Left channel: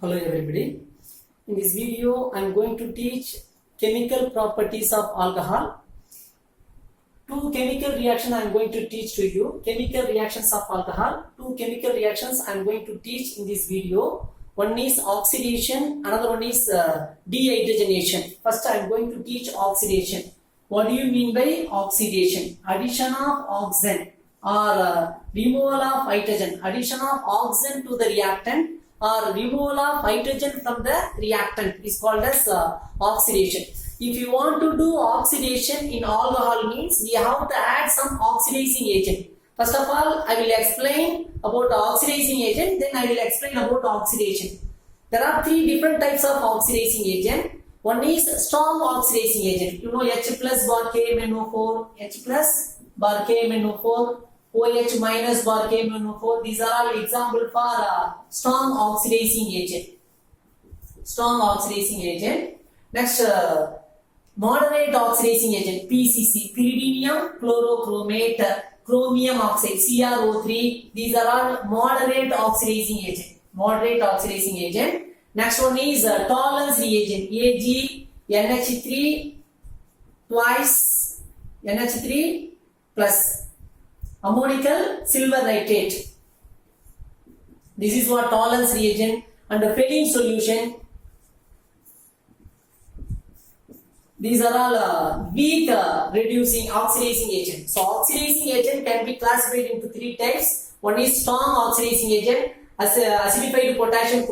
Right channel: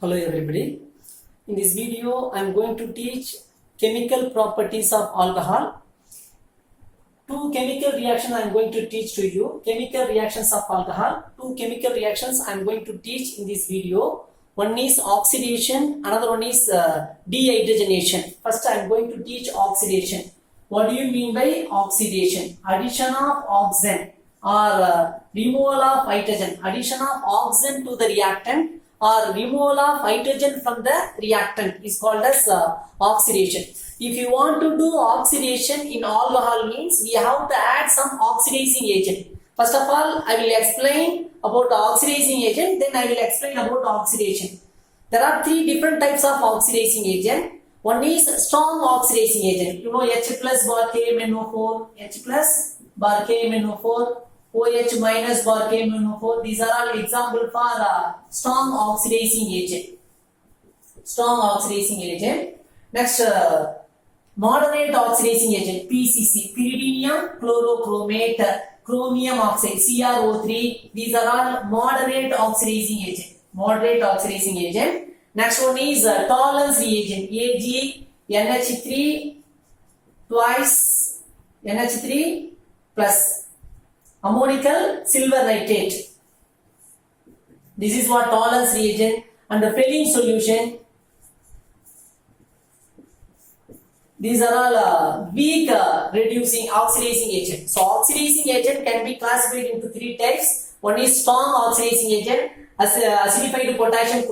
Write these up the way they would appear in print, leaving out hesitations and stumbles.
Hello everybody. In this video I am going to teach chemical properties of alcohol. Two chemical reactions I am going to teach to you. Chemical reactions of alcohol. Two chemical reactions I am going to teach in this video. One is oxidation, another one is dehydrogenation. First I am going to teach oxidation. What do you mean by oxidation? Addition of oxygen or removal of hydrogen. Addition of oxygen to the reactant or removal of hydrogen from the reactant is called as oxidation. If you want to do oxidation in alcohol means we have to add some oxidizing agent. First of all, I will explain about oxidizing agent, then I will explain about oxidation. There are three different types of oxidizing agent. One is strong oxidizing agent. You know H plus bar KMnO4, H plus bar KMnO4, OH minus bar KMnO4. These are all example for strong oxidizing agent. Strong oxidizing agent. Next, moderate oxidizing agent, PCC, pyridinium chlorochromate, chromium oxide, CrO3. These are all moderate oxidizing agent. Moderate oxidizing agent. Next one is tolerance reagent, Ag, NH3 twice NH3 plus ammonical silver nitrate. This is what tolerance reagent. And the Fehling solution. These are all weak reducing oxidizing agent. So oxidizing agent can be classified into three types. One is strong oxidizing agent, acidified potassium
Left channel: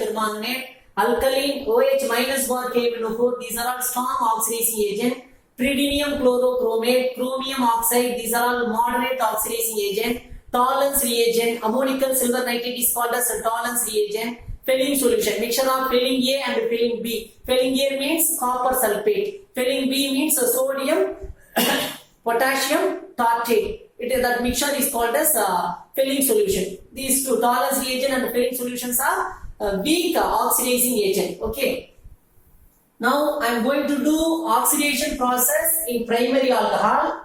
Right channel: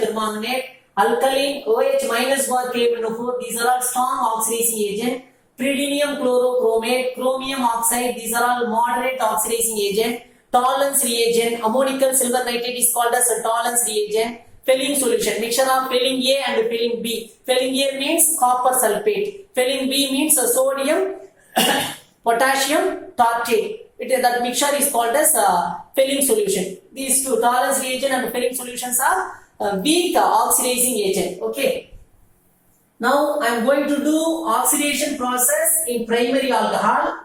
permanganate, alkaline, OH minus bar KMnO4. These are all strong oxidizing agent. Pyridinium chlorochromate, chromium oxide. These are all moderate oxidizing agent. Tolerance reagent, ammonical silver nitrate is called as a tolerance reagent. Fehling solution, mixture of Fehling A and Fehling B. Fehling A means copper sulfate. Fehling B means sodium potassium tartrate. That mixture is called as Fehling solution. These two, tolerance reagent and Fehling solutions, are weak oxidizing agent. Okay. Now I am going to do oxidation process in primary alcohol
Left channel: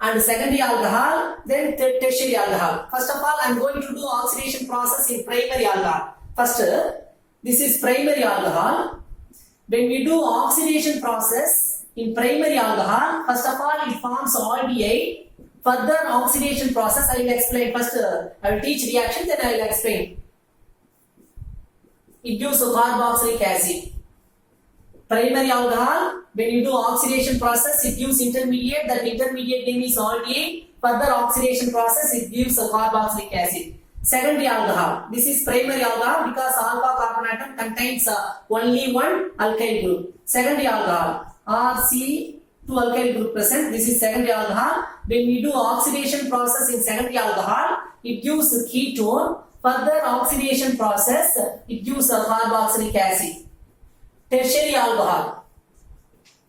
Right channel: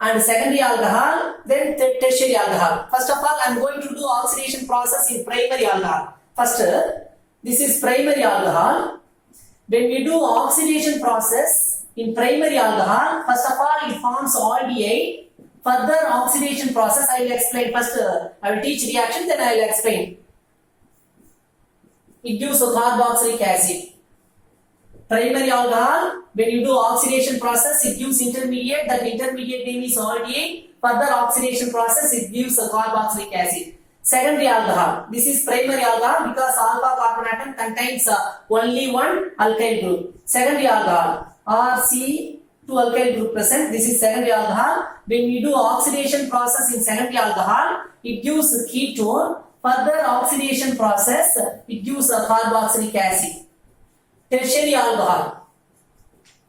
and secondary alcohol, then tertiary alcohol. First of all, I am going to do oxidation process in primary alcohol. First, this is primary alcohol. When we do oxidation process in primary alcohol, first of all, it forms aldehyde. Further oxidation process, I will explain. First, I will teach reaction, then I will explain. It gives a carboxylic acid. Primary alcohol, when you do oxidation process, it gives intermediate. That intermediate name is aldehyde. Further oxidation process, it gives a carboxylic acid. Secondary alcohol. This is primary alcohol because alpha carbon atom contains only one alkyl group. Secondary alcohol, RC2 alkyl group present. This is secondary alcohol. When we do oxidation process in secondary alcohol, it gives a ketone. Further oxidation process, it gives a carboxylic acid. Tertiary alcohol.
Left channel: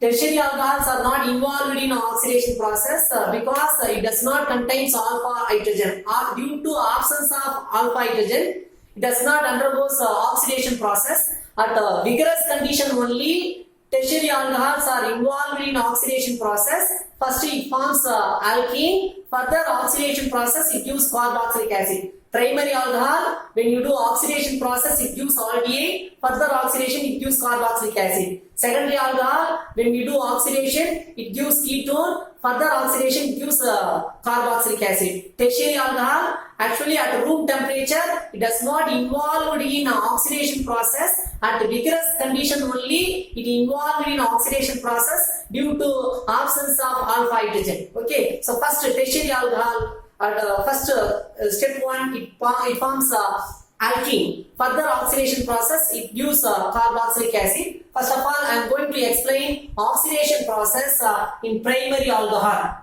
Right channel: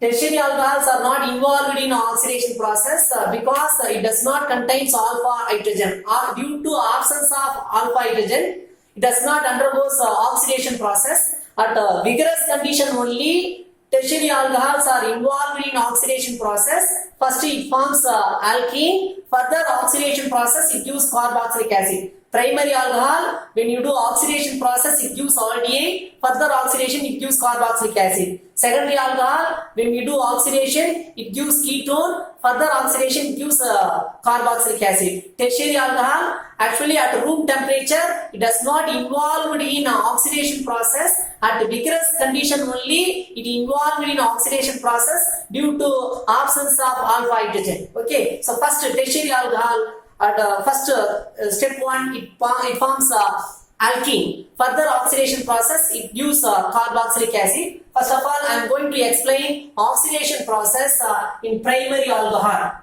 Tertiary alcohols are not involved in oxidation process because it does not contain alpha hydrogen. Due to absence of alpha hydrogen, it does not undergo oxidation process. At vigorous condition only, tertiary alcohols are involved in oxidation process. First it forms alkene. Further oxidation process, it gives carboxylic acid. Primary alcohol, when you do oxidation process, it gives aldehyde. Further oxidation, it gives carboxylic acid. Secondary alcohol, when we do oxidation, it gives ketone. Further oxidation, it gives carboxylic acid. Tertiary alcohol, actually at room temperature, it does not involve in oxidation process. At vigorous condition only, it involved in oxidation process due to absence of alpha hydrogen. Okay, so first tertiary alcohol. At first step 1, it forms alkene. Further oxidation process, it gives carboxylic acid. First of all, I am going to explain oxidation process in primary alcohol.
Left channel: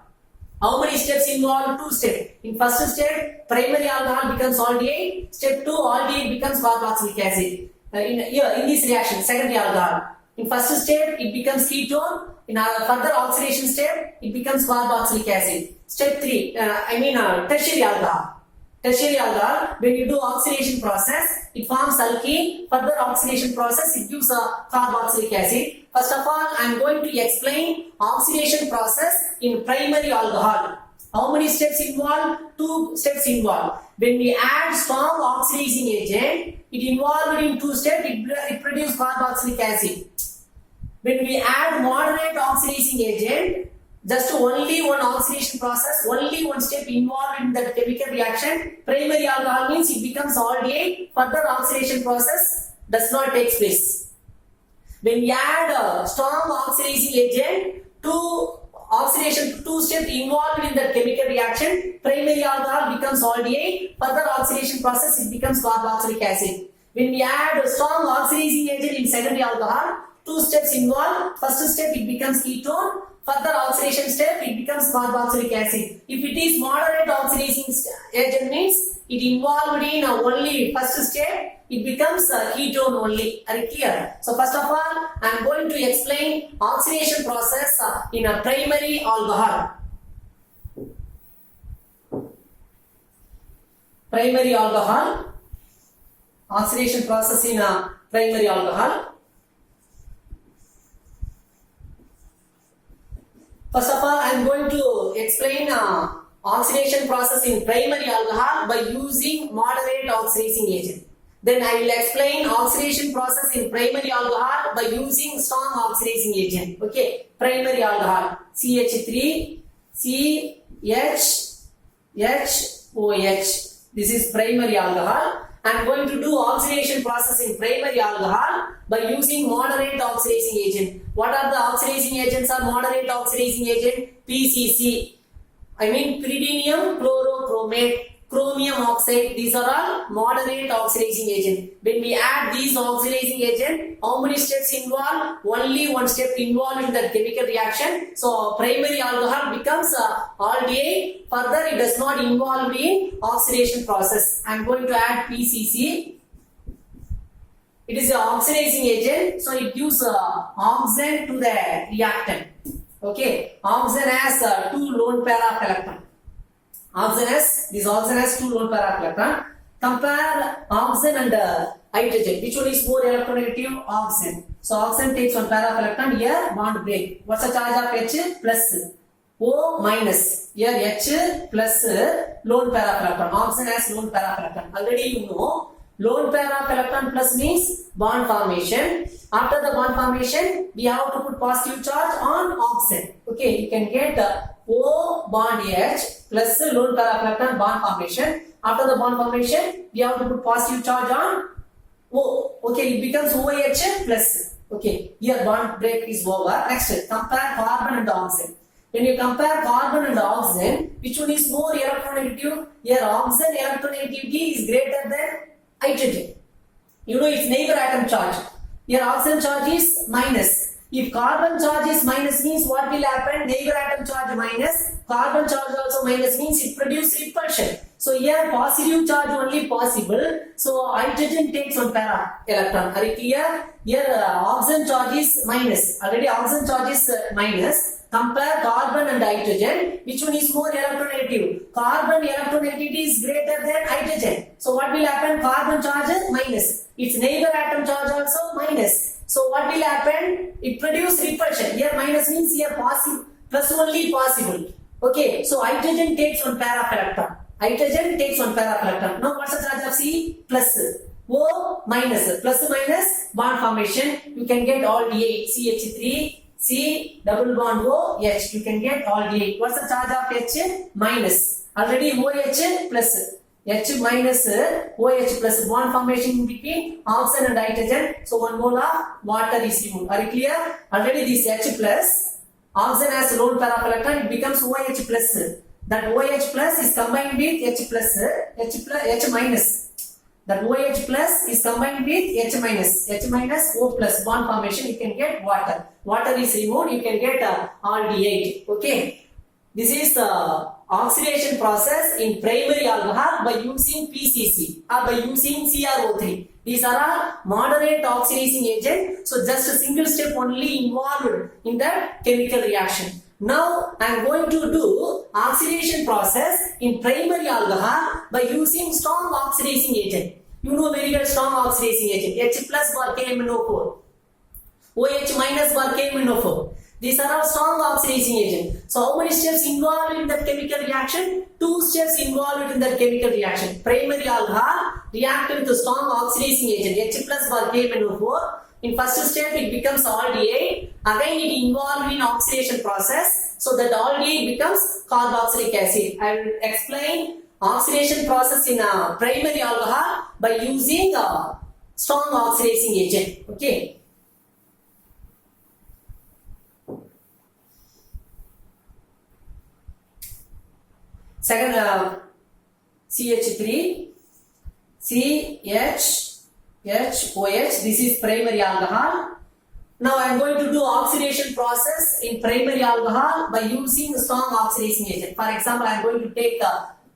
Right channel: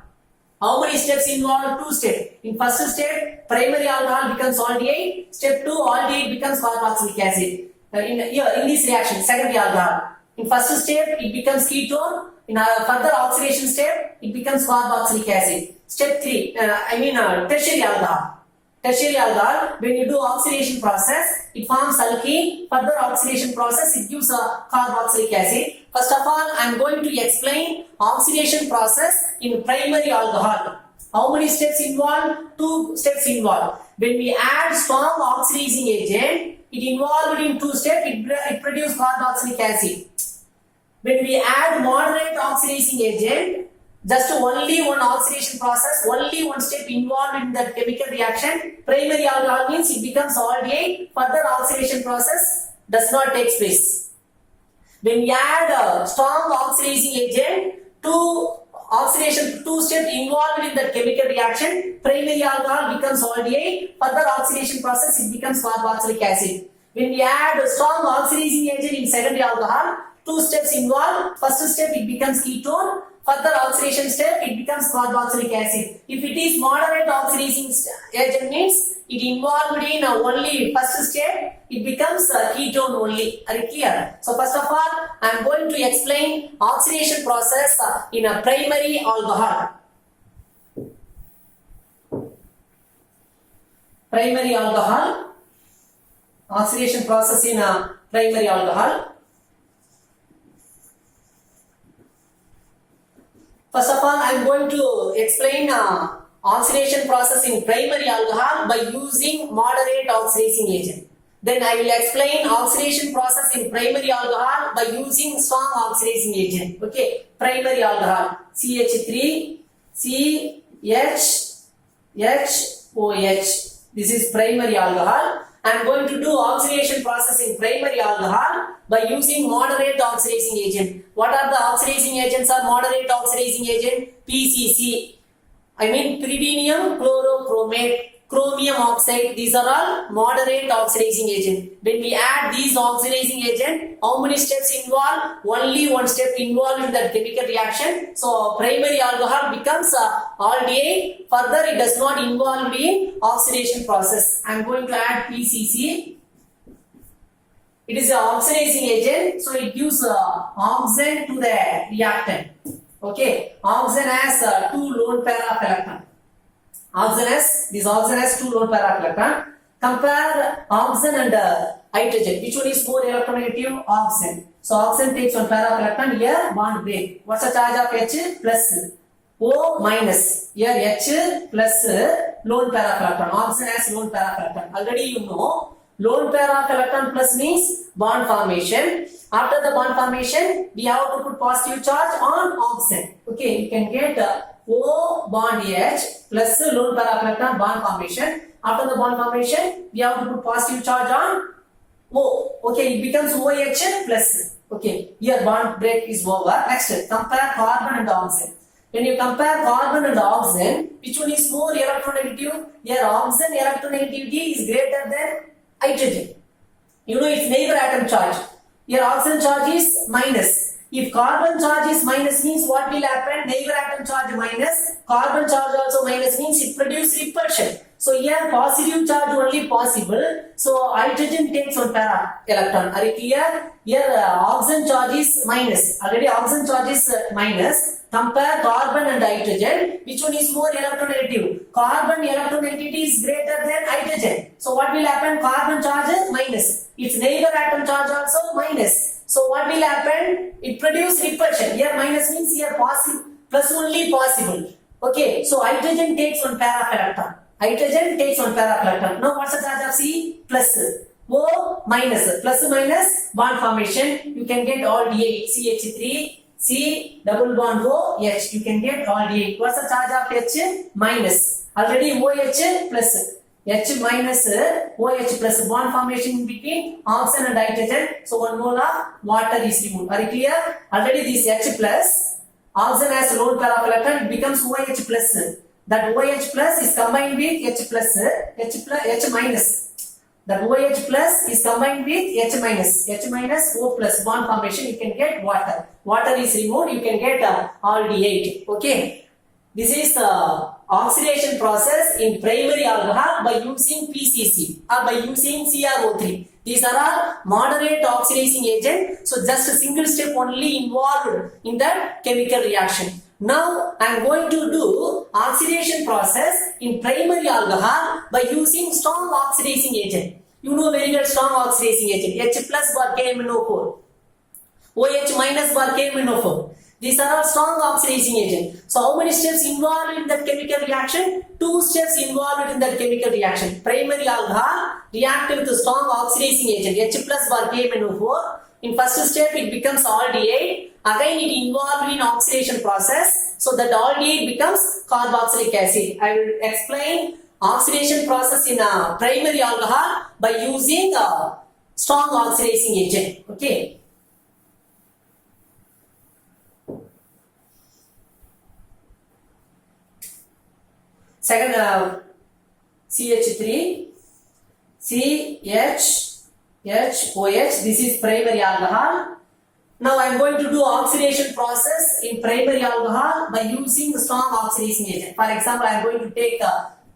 How many steps involved? 2 steps. In first step, primary alcohol becomes aldehyde. Step 2, aldehyde becomes carboxylic acid. In this reaction, secondary alcohol. In first step, it becomes ketone. In further oxidation step, it becomes carboxylic acid. Step 3, tertiary alcohol. Tertiary alcohol, when you do oxidation process, it forms alkene. Further oxidation process, it gives a carboxylic acid. First of all, I am going to explain oxidation process in primary alcohol. How many steps involved? 2 steps involved. When we add strong oxidizing agent, it involved in two steps, it produced carboxylic acid. When we add moderate oxidizing agent, just only one oxidation process, only one step involved in that chemical reaction, primary alcohol means it becomes aldehyde, further oxidation process does not take place. When we add a strong oxidizing agent, two steps involved in that chemical reaction, primary alcohol becomes aldehyde, further oxidation process it becomes carboxylic acid. When we add a strong oxidizing agent in secondary alcohol, two steps involved. First step it becomes ketone, further oxidation step it becomes carboxylic acid. If it is moderate oxidizing agent means it involved in only first step, it becomes ketone only. Are you clear? So first of all, I am going to explain oxidation process in a primary alcohol. Primary alcohol, oxidation process in a primary alcohol. First of all, I am going to explain oxidation process in primary alcohol by using moderate oxidizing agent. Then I will explain oxidation process in primary alcohol by using strong oxidizing agent. Okay, primary alcohol CH3, CHHOH. This is primary alcohol. I am going to do oxidation process in primary alcohol by using moderate oxidizing agent. What are the oxidizing agents or moderate oxidizing agent? PCC. I mean pyridinium chlorochromate, chromium oxide. These are all moderate oxidizing agent. When we add these oxidizing agent, how many steps involved? Only one step involved in that chemical reaction. So primary alcohol becomes aldehyde. Further, it does not involve in oxidation process. I am going to add PCC. It is an oxidizing agent, so it gives oxygen to the reactant. Okay, oxygen has two lone pair of electron. This oxygen has two lone pair of electron. Compare oxygen and hydrogen. Which one is more electronegative? Oxygen. So oxygen takes one pair of electron. Here bond break. What's the charge of H? Plus. O minus. Here H plus lone pair of electron. Oxygen has lone pair of electron. Already you know. Lone pair of electron plus means bond formation. After the bond formation, we have to put positive charge on oxygen. Okay, you can get O bond H plus lone pair of electron bond formation. After the bond formation, we have to put positive charge on O. Okay, it becomes OH plus. Okay, here bond break is over. Next, compare carbon and oxygen. When you compare carbon and oxygen, which one is more electronegative? Here oxygen electronegativity is greater than hydrogen. You know its neighbor atom charge. Here oxygen charge is minus. If carbon charge is minus means what will happen? Neighbor atom charge minus. Carbon charge also minus means it produces repulsion. So here positive charge only possible. So hydrogen takes one pair of electron. Are you clear? Here oxygen charge is minus. Already oxygen charge is minus. Compare carbon and hydrogen. Which one is more electronegative? Carbon electronegativity is greater than hydrogen. So what will happen? Carbon charge is minus. Its neighbor atom charge also minus. So what will happen? It produces repulsion. Here minus means here positive, plus only possible. Okay, so hydrogen takes one pair of electron. Hydrogen takes one pair of electron. Now what's the charge of C? Plus. O minus. Plus minus bond formation. You can get aldehyde. CH3. C double bond O H. You can get aldehyde. What's the charge of H? Minus. Already OH plus. H minus OH plus bond formation between oxygen and hydrogen. So one mole of water is removed. Are you clear? Already this H plus. Oxygen has a lone pair of electron. It becomes OH plus. That OH plus is combined with H plus. H minus. That OH plus is combined with H minus. H minus O plus bond formation. You can get water. Water is removed. You can get aldehyde. Okay. This is oxidation process in primary alcohol by using PCC or by using CrO3. These are all moderate oxidizing agent. So just a single step only involved in that chemical reaction. Now I am going to do oxidation process in primary alcohol by using strong oxidizing agent. You know very well strong oxidizing agent. H plus bar KMnO4. OH minus bar KMnO4. These are all strong oxidizing agent. So how many steps involved in that chemical reaction? 2 steps involved in that chemical reaction. Primary alcohol, react with a strong oxidizing agent H plus bar KMnO4. In first step it becomes aldehyde. Again it involved in oxidation process. So that aldehyde becomes carboxylic acid. I will explain oxidation process in a primary alcohol by using a strong oxidizing agent. Okay. Second, CH3, CHOH, this is primary alcohol. Now I am going to do oxidation process in primary alcohol by using strong oxidizing agent. For example, I am going to take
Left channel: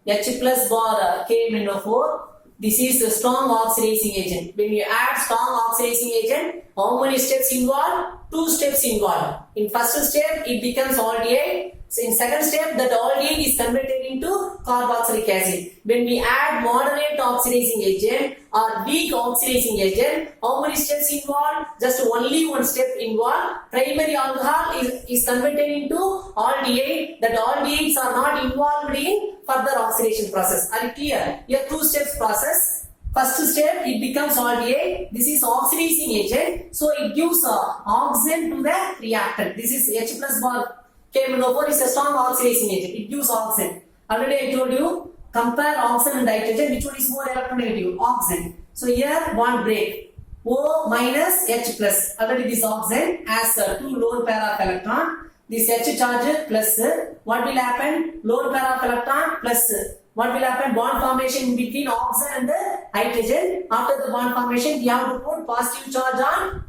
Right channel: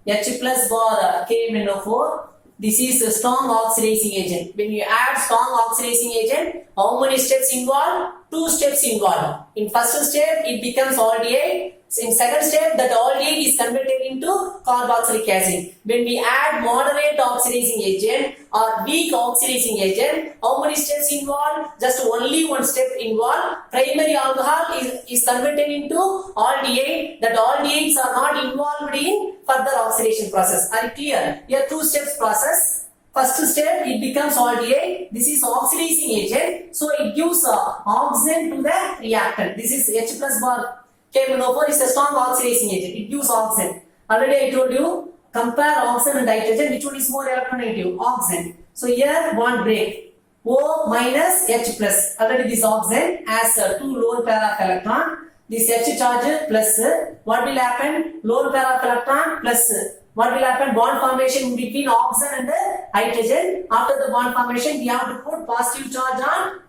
H plus bar KMnO4. This is a strong oxidizing agent. When you add strong oxidizing agent, how many steps involved? 2 steps involved. In first step, it becomes aldehyde. So in second step, that aldehyde is converted into carboxylic acid. When we add moderate oxidizing agent or weak oxidizing agent, how many steps involved? Just only 1 step involved. Primary alcohol is converted into aldehyde. That aldehydes are not involved in further oxidation process. Are you clear? Here 2 steps process. First step, it becomes aldehyde. This is oxidizing agent. So it gives oxygen to the reactant. This is H plus bar KMnO4 is a strong oxidizing agent. It gives oxygen. Already I told you, compare oxygen and hydrogen. Which one is more electronegative? Oxygen. So here bond break. O minus H plus. Already this oxygen has 2 lone pair of electron. This H charge plus. What will happen? Lone pair of electron plus. What will happen? Bond formation between oxygen and the hydrogen. After the bond formation, we have to put positive charge on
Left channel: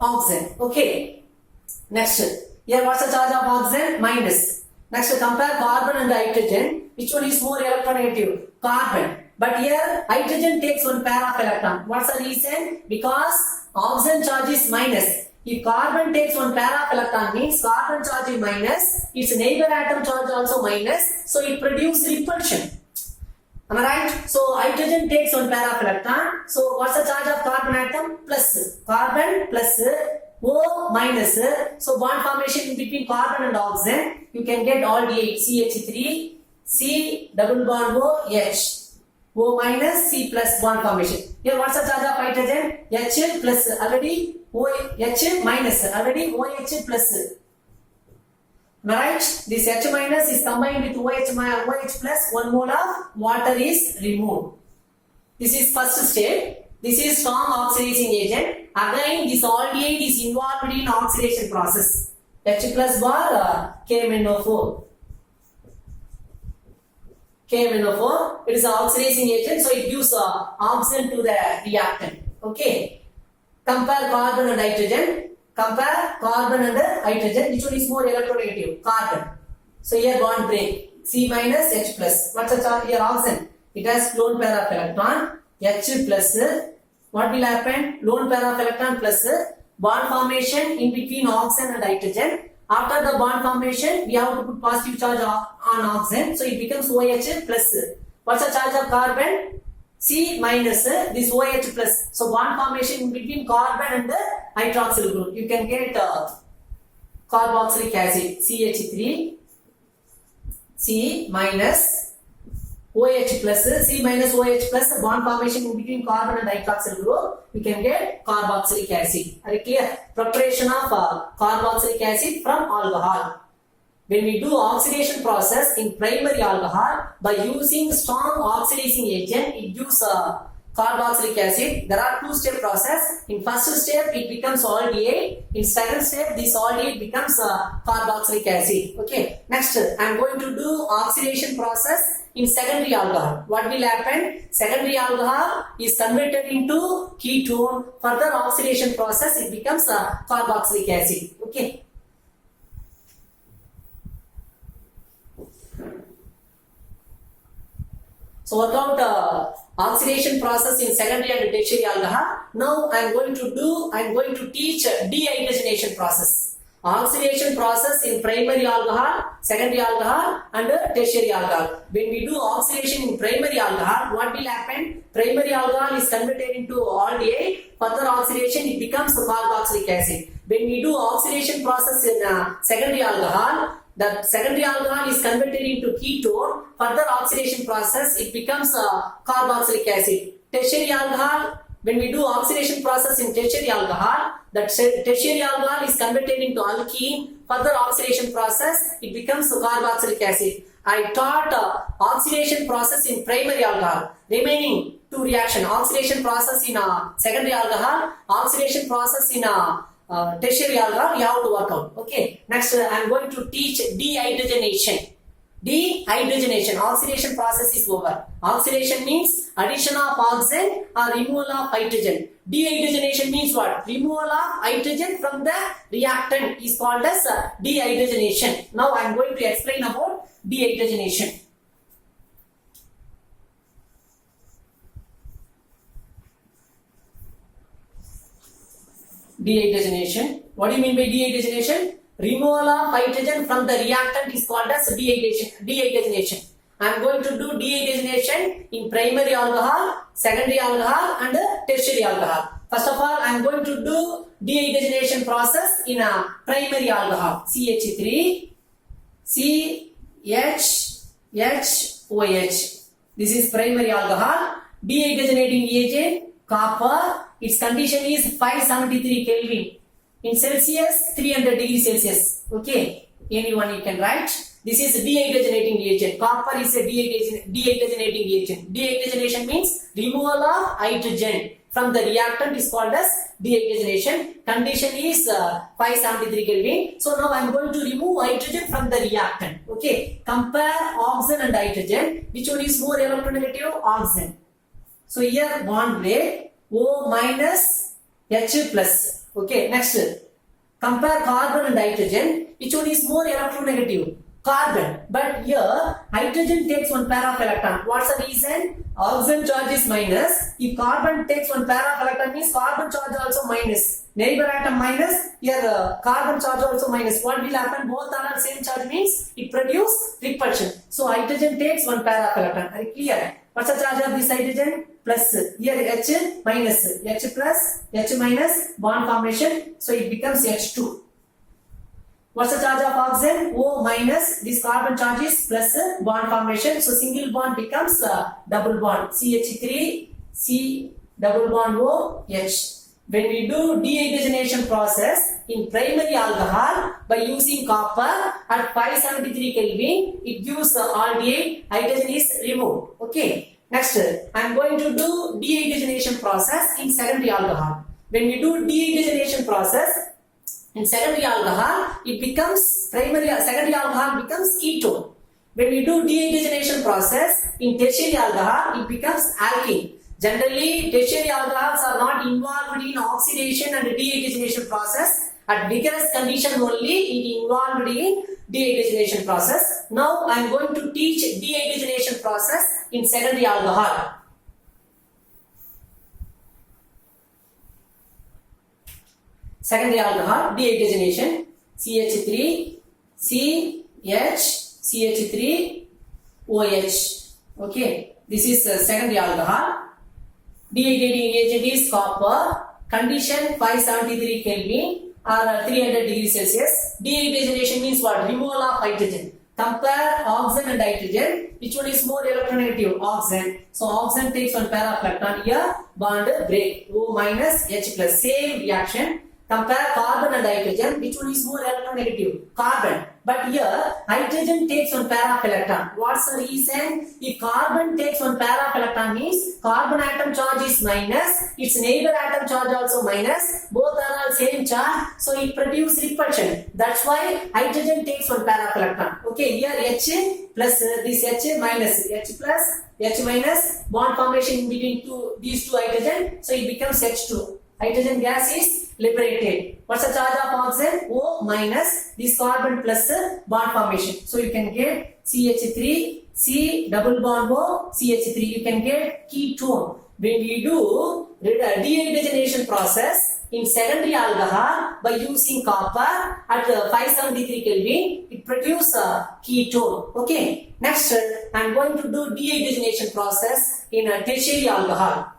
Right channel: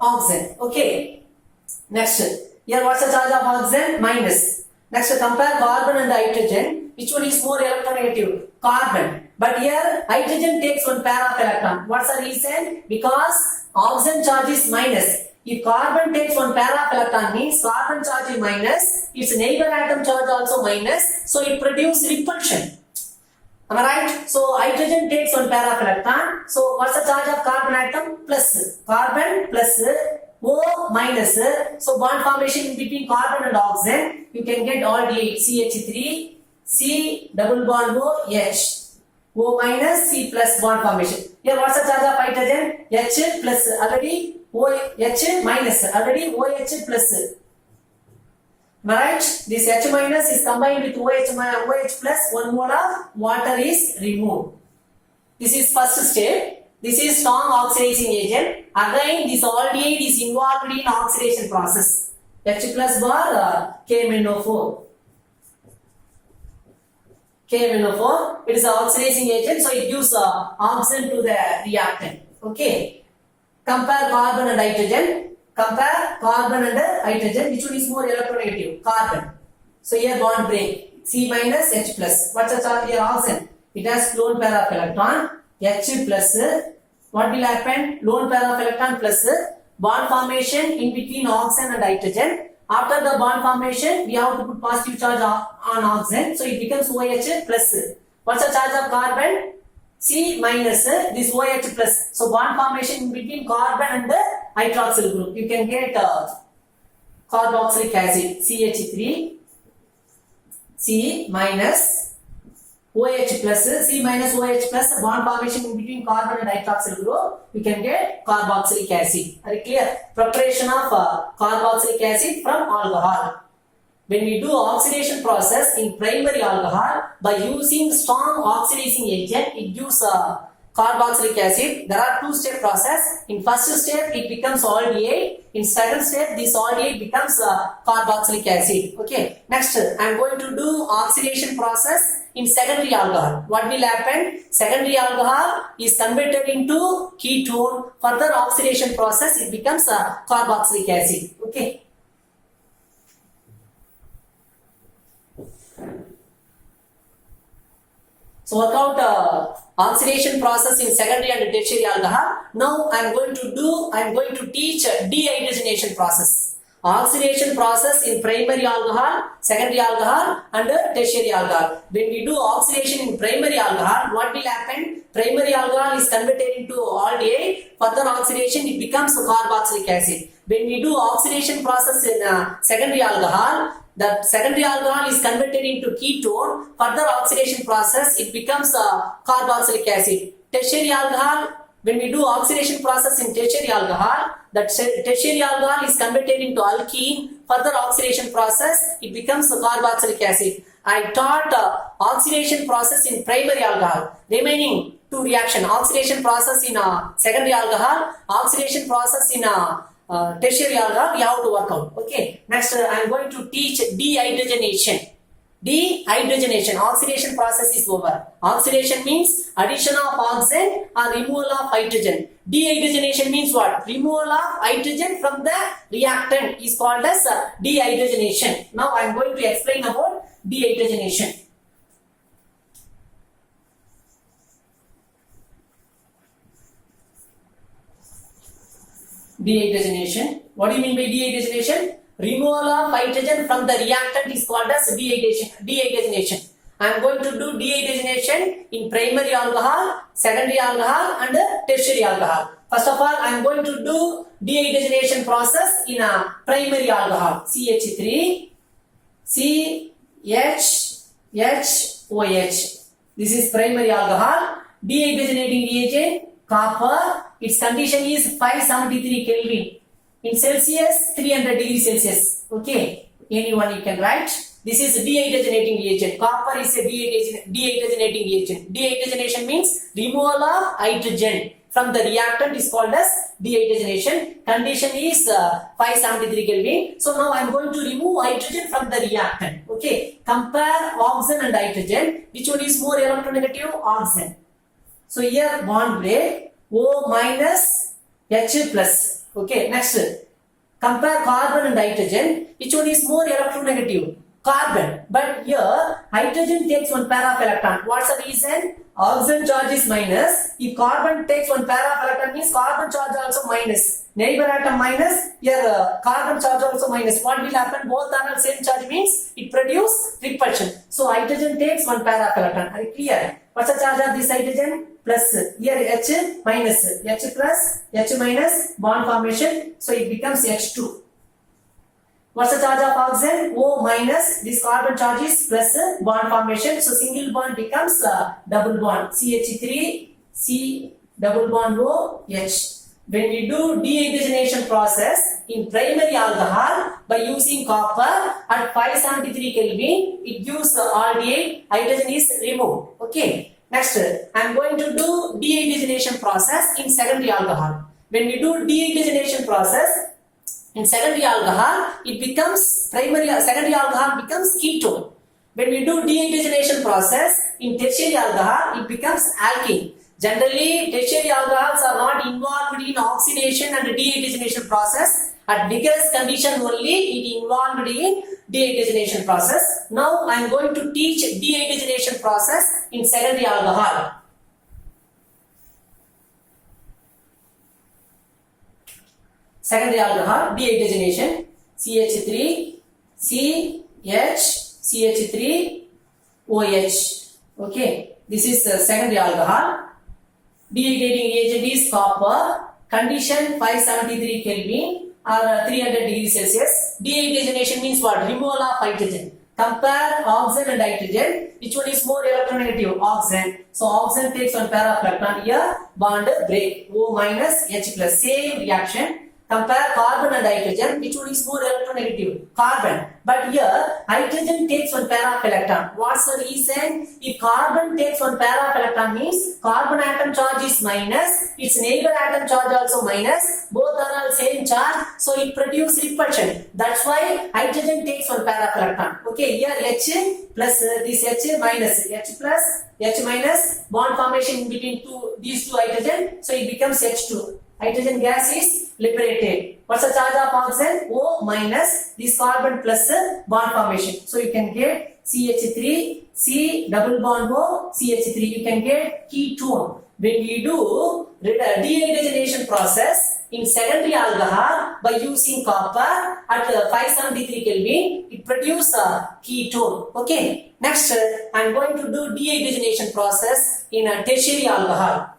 oxygen. Okay. Next. Here what's the charge of oxygen? Minus. Next, compare carbon and hydrogen. Which one is more electronegative? Carbon. But here hydrogen takes 1 pair of electron. What's the reason? Because oxygen charge is minus. If carbon takes 1 pair of electron means carbon charge is minus. Its neighbor atom charge also minus. So it produces repulsion. Am I right? So hydrogen takes 1 pair of electron. So what's the charge of carbon atom? Plus. Carbon plus O minus. So bond formation between carbon and oxygen. You can get aldehyde CH3, C double bond O, H. O minus, C plus bond formation. Here what's the charge of hydrogen? H plus already OH minus already OH plus. Right? This H minus is combined with OH plus 1 mole of water is removed. This is first step. This is strong oxidizing agent. Again, this aldehyde is involved in oxidation process. H plus bar KMnO4. KMnO4. It is an oxidizing agent, so it gives oxygen to the reactant. Okay. Compare carbon and hydrogen. Compare carbon and hydrogen. Which one is more electronegative? Carbon. So here bond break. C minus H plus. What's the charge here? Oxygen. It has lone pair of electron. H plus. What will happen? Lone pair of electron plus bond formation in between oxygen and hydrogen. After the bond formation, we have to put positive charge on oxygen. So it becomes OH plus. What's the charge of carbon? C minus this OH plus. So bond formation in between carbon and the hydroxyl group. You can get carboxylic acid CH3, C minus OH plus, C minus OH plus bond formation in between carbon and hydroxyl group. You can get carboxylic acid. Are you clear? Preparation of carboxylic acid from alcohol. When we do oxidation process in primary alcohol by using strong oxidizing agent, it gives carboxylic acid. There are 2-step process. In first step, it becomes aldehyde. In second step, this aldehyde becomes carboxylic acid. Okay. Next, I am going to do oxidation process in secondary alcohol. What will happen? Secondary alcohol is converted into ketone. Further oxidation process, it becomes carboxylic acid. Okay. So work out oxidation process in secondary and tertiary alcohol. Now I am going to teach dehydrogenation process. Oxidation process in primary alcohol, secondary alcohol and tertiary alcohol. When we do oxidation in primary alcohol, what will happen? Primary alcohol is converted into aldehyde. Further oxidation, it becomes carboxylic acid. When we do oxidation process in secondary alcohol, the secondary alcohol is converted into ketone. Further oxidation process, it becomes a carboxylic acid. Tertiary alcohol, when we do oxidation process in tertiary alcohol, that tertiary alcohol is converted into alkene. Further oxidation process, it becomes a carboxylic acid. I taught oxidation process in primary alcohol. Remaining two reaction, oxidation process in secondary alcohol, oxidation process in tertiary alcohol, we have to work out. Okay. Next, I am going to teach dehydrogenation. Dehydrogenation, oxidation process is over. Oxidation means addition of oxygen or removal of hydrogen. Dehydrogenation means what? Removal of hydrogen from the reactant is called as dehydrogenation. Now I am going to explain about dehydrogenation. Dehydrogenation. What do you mean by dehydrogenation? Removal of hydrogen from the reactant is called as dehydrogenation. I am going to do dehydrogenation in primary alcohol, secondary alcohol and tertiary alcohol. First of all, I am going to do dehydrogenation process in a primary alcohol. CH3, CHHOH. This is primary alcohol. Dehydrogenating reagent, copper. Its condition is 573 Kelvin. In Celsius, 300 degrees Celsius. Okay. Anyone you can write. This is dehydrogenating reagent. Copper is a dehydrogenating reagent. Dehydrogenation means removal of hydrogen from the reactant is called as dehydrogenation. Condition is 573 Kelvin. So now I am going to remove hydrogen from the reactant. Okay. Compare oxygen and hydrogen. Which one is more electronegative? Oxygen. So here bond break. O minus H plus. Okay, next. Compare carbon and hydrogen. Which one is more electronegative? Carbon. But here, hydrogen takes one pair of electron. What's the reason? Oxygen charge is minus. If carbon takes one pair of electron, means carbon charge also minus. Neighbor atom minus, here carbon charge also minus. What will happen? Both are same charge means it produces repulsion. So hydrogen takes one pair of electron. Are you clear? What's the charge of this hydrogen? Plus. Here H minus. H plus, H minus, bond formation. So it becomes H2. What's the charge of oxygen? O minus. This carbon charge is plus bond formation. So single bond becomes double bond. CH3, C double bond O, H. When we do dehydrogenation process in primary alcohol by using copper at 573 Kelvin, it gives aldehyde, hydrogen is removed. Okay. Next, I am going to do dehydrogenation process in secondary alcohol. When we do dehydrogenation process in secondary alcohol, it becomes secondary alcohol becomes ketone. When we do dehydrogenation process in tertiary alcohol, it becomes alkene. Generally, tertiary alcohols are not involved in oxidation and dehydrogenation process. At vigorous condition only, it involved in dehydrogenation process. Now, I am going to teach dehydrogenation process in secondary alcohol. Secondary alcohol, dehydrogenation, CH3, CH3, OH. Okay, this is secondary alcohol. Dehydrating reagent is copper. Condition 573 Kelvin or 300 degrees Celsius. Dehydrogenation means what? Removal of hydrogen. Compare oxygen and hydrogen. Which one is more electronegative? Oxygen. So oxygen takes one pair of electron. Here bond break. O minus H plus. Same reaction. Compare carbon and hydrogen. Which one is more electronegative? Carbon. But here, hydrogen takes one pair of electron. What's the reason? If carbon takes one pair of electron means carbon atom charge is minus. Its neighbor atom charge also minus. Both are all same charge. So it produces repulsion. That's why hydrogen takes one pair of electron. Okay, here H plus this H minus. H plus, H minus. Bond formation in between these two hydrogen. So it becomes H2. Hydrogen gas is liberated. What's the charge of oxygen? O minus this carbon plus bond formation. So you can get CH3, C double bond O, CH3. You can get ketone. When we do dehydrogenation process in secondary alcohol by using copper at 573 Kelvin, it produces a ketone. Okay. Next, I am going to do dehydrogenation process in a tertiary alcohol.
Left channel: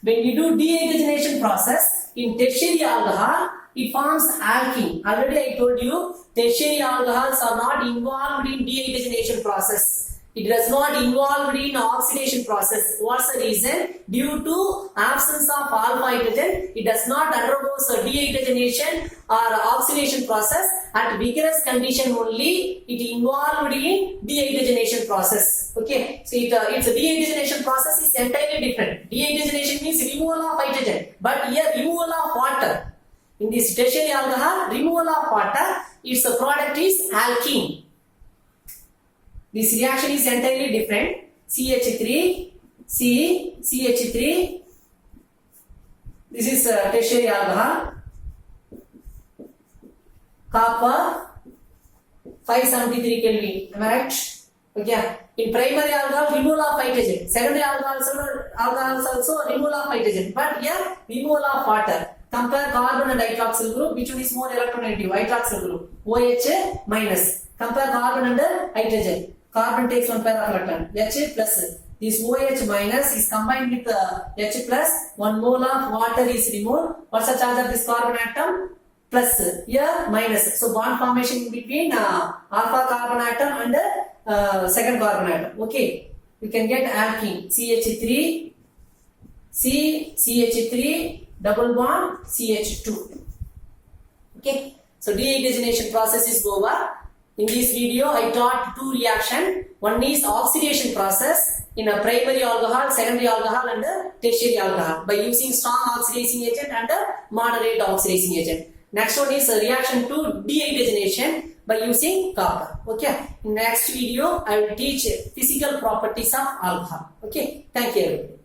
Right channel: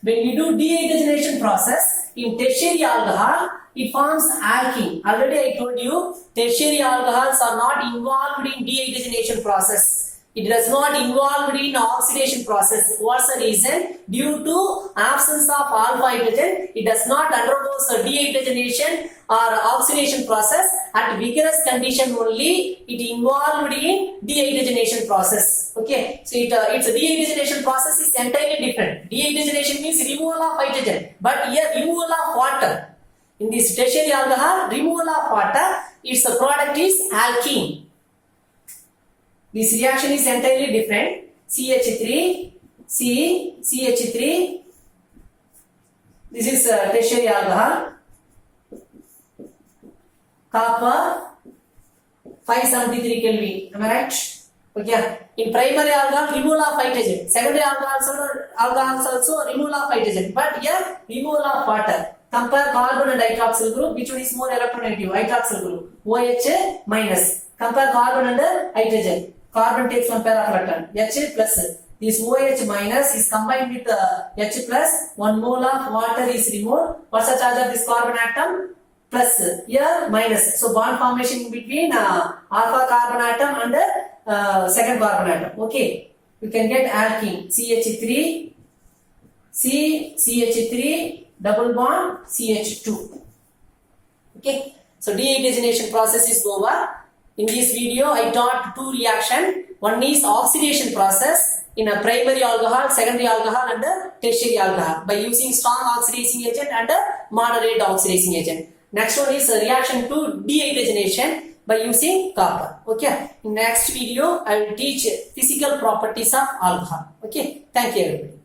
When we do dehydrogenation process in tertiary alcohol, it forms alkene. Already I told you, tertiary alcohols are not involved in dehydrogenation process. It does not involve in oxidation process. What's the reason? Due to absence of alpha hydrogen, it does not undergo dehydrogenation or oxidation process. At vigorous condition only, it involved in dehydrogenation process. Okay, so its dehydrogenation process is entirely different. Dehydrogenation means removal of hydrogen, but here removal of water. In this tertiary alcohol, removal of water, its product is alkene. This reaction is entirely different. CH3, CH3. This is tertiary alcohol. Copper, 573 Kelvin. Am I right? Okay. In primary alcohol, removal of hydrogen. Secondary alcohols also removal of hydrogen. But here, removal of water. Compare carbon and hydroxyl group. Which one is more electronegative? Hydroxyl group. OH minus. Compare carbon and hydrogen. Carbon takes one pair of electron, H plus. This OH minus is combined with H plus. 1 mole of water is removed. What's the charge of this carbon atom? Plus. Here minus. So bond formation in between alpha carbon atom and second carbon atom. Okay. You can get alkene. CH3, CH3, double bond, CH2. Okay. So dehydrogenation process is over. In this video, I taught two reactions. One is oxidation process in a primary alcohol, secondary alcohol and a tertiary alcohol by using strong oxidizing agent and a moderate oxidizing agent. Next one is a reaction to dehydrogenation by using copper. Okay. In next video, I will teach physical properties of alcohol. Okay. Thank you everybody.